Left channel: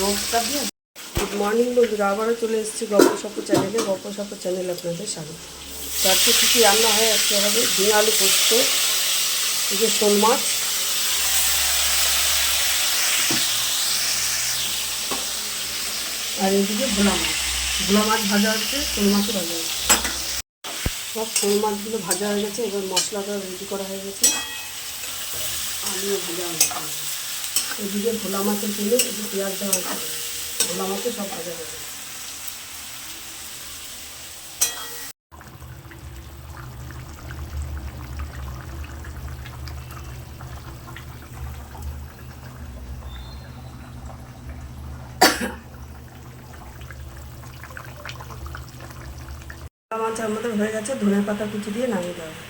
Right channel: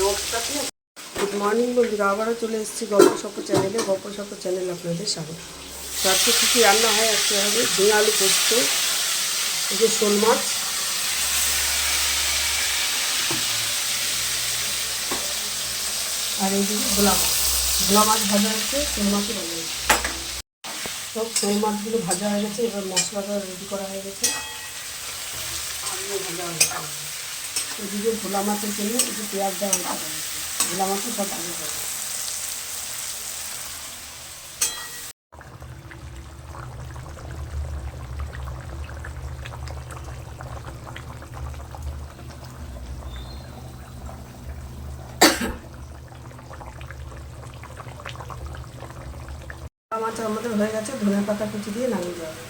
Good morning বন্ধুরা, আবারও চলে এসেছি গল্প সপ্প চ্যানেলে। গল্প সপ্প চ্যানেলে আপনাদের স্বাগত। তো আজকে কী কী রান্না হয় আজকে হবে ঝিঙে আলু পোস্ত, এই যে শোল মাছ, আর এইদিকে ভোলা মাছ। ভোলা মাছ ভাজা হচ্ছে, শোল মাছও ভাজা হচ্ছে। সব শোল মাছগুলো ভাজা হয়ে গেছে, এবার মশলাটা রেডি করা হয়ে গেছে। আলুও ভাজা হয়ে গেছে। এদিকে ভোলা মাছের জন্য একটু পেঁয়াজ দেওয়া হয়েছে, ভোলা মাছও সব ভাজা হবে। ভোলা মাছ আমাদের হয়ে গেছে, ধনের পাতা কুচি দিয়ে নামিয়ে দেওয়া হবে।